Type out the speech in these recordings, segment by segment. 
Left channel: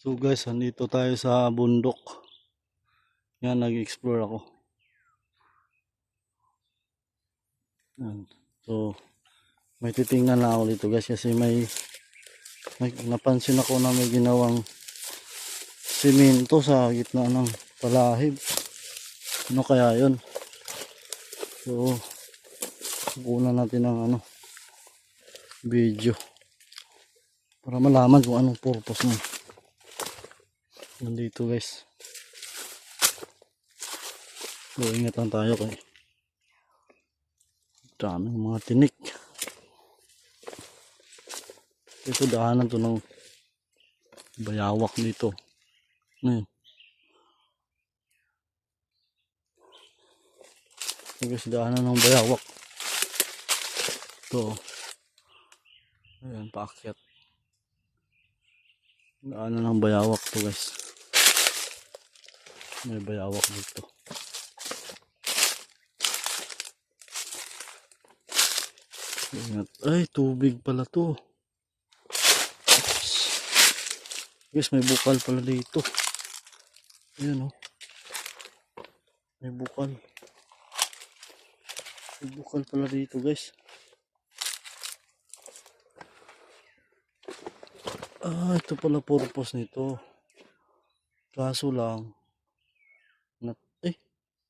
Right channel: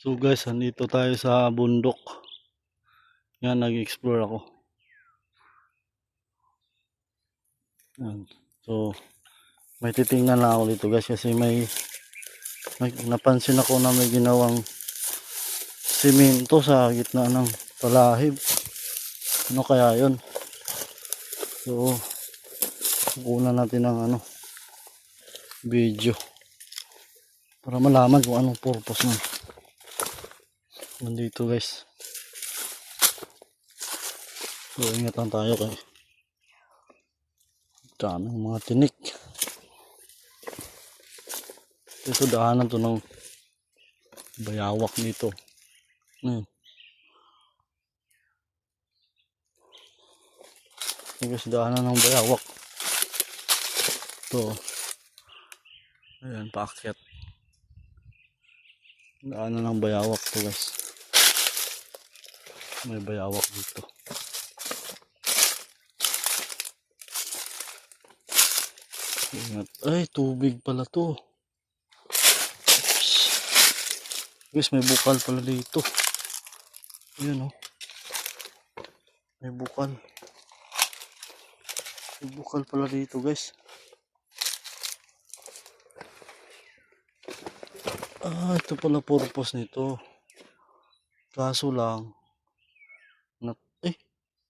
So guys, andito tayo sa bundok. Yan, nag-explore ako. Yan. So, may titingnan lang ako dito guys kasi may, may napansin ako na may ginawang simento sa gitna ng palahib. Ano kaya yun? So, kukunan natin ng ano, video para malaman kung anong purpose nun. Nandito guys. So, ingat lang tayo kay daming mga tinik. Ito daanan to ng bayawak dito. Hmm. Ito guys, daanan ng bayawak. Ito. Ayan, paakyat. Daanan ng bayawak to guys. May bayawak dito. Ingat. Ay, tubig pala to. Oops. Guys, may bukal pala dito. Ayan oh. May bukal. May bukal pala dito guys. Ah, ito pala purpose nito. Kaso lang,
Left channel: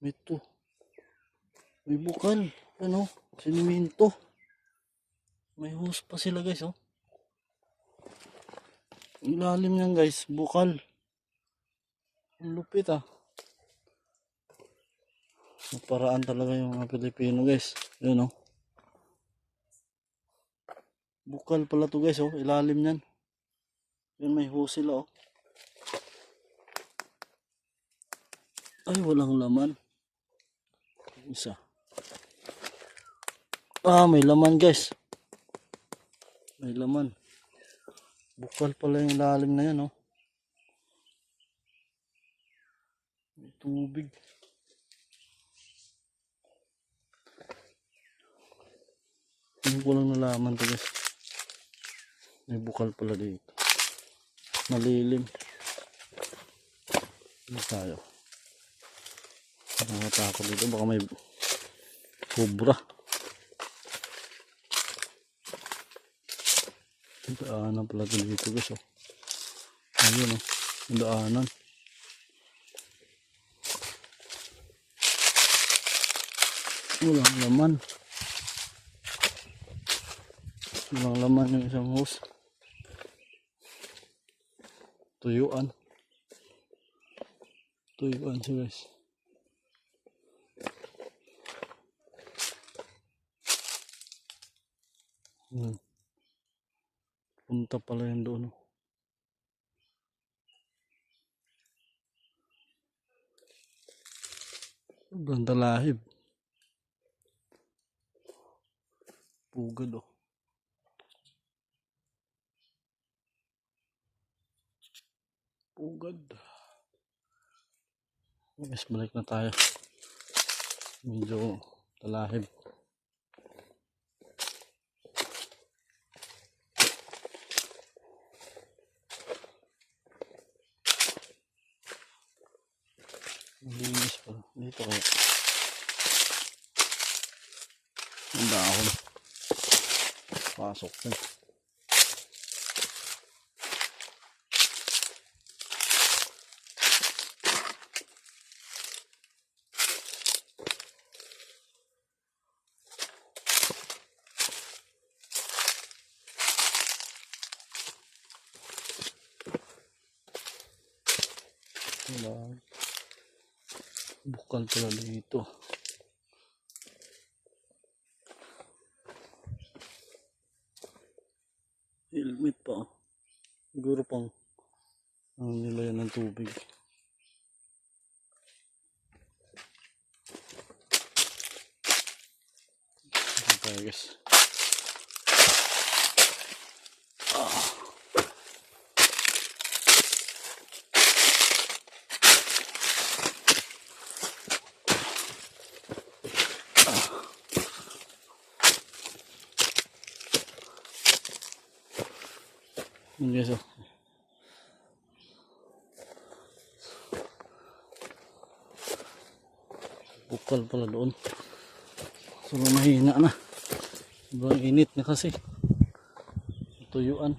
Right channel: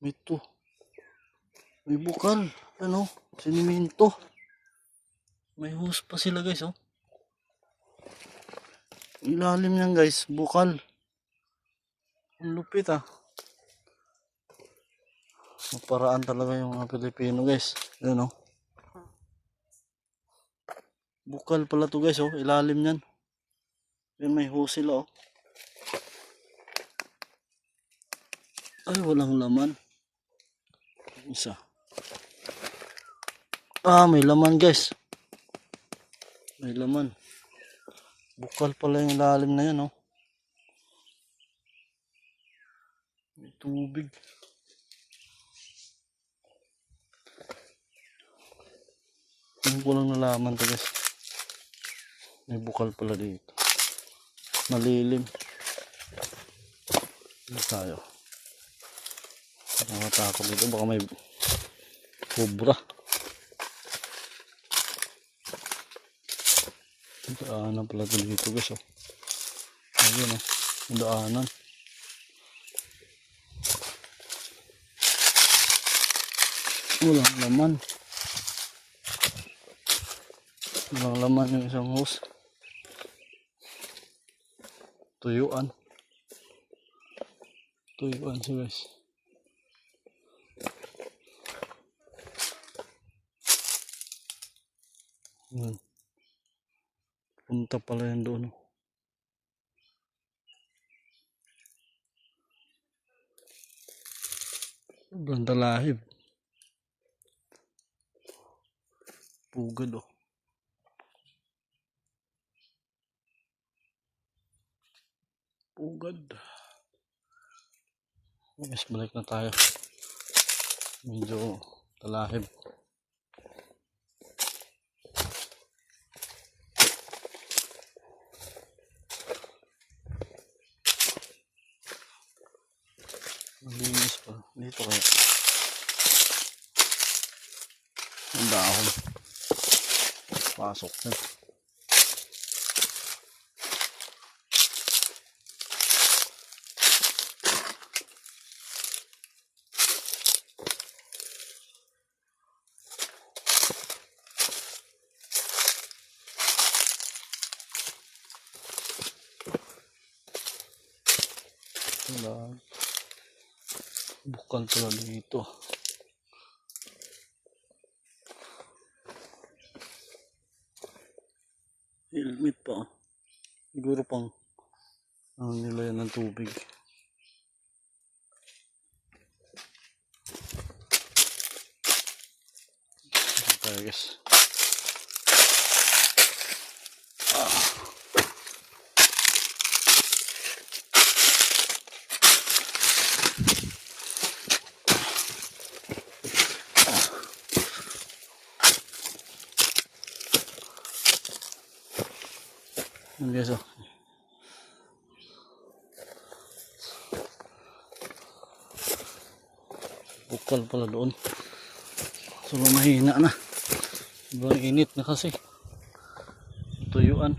may to. May bukal. Ano? Siniminto. May hose pa sila guys, oh. Ilalim niyan guys, bukal. Ang lupit ah. Maparaan talaga yung mga Pilipino guys. Yun oh. Bukal pala to guys, oh. Ilalim niyan. Yan may hose sila oh. Ay, walang laman. Isa. Ah, may laman guys. May laman. Bukal pala yung lalim na yan, oh. May tubig. Hindi ko lang nalaman to guys. May bukal pala dito. Malilim. Ano tayo? Nakatakot dito. Baka may cobra. Daanan pala ito dito guys. Oh. Ayun oh. Daanan. Walang laman. Walang laman ng isang hose. Tuyuan. Tuyuan siya guys. Hmm. Punta pala yan doon. oh. Sobrang talahib. Pugad oh. Pugad. Yes, balik na tayo. Medyo talahib. Malinis pa. Dito kaya. Ang dahon. Pasok na. Wala. Bukal pala dito. Helmet pa. oh. Siguro pang ano nila yan ng tubig. Ito tayo guys. Yun Ang beso. Oh. Bukal pala doon. So mahina na. Sobrang init na kasi. Tuyuan.